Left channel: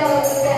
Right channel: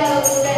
Hello.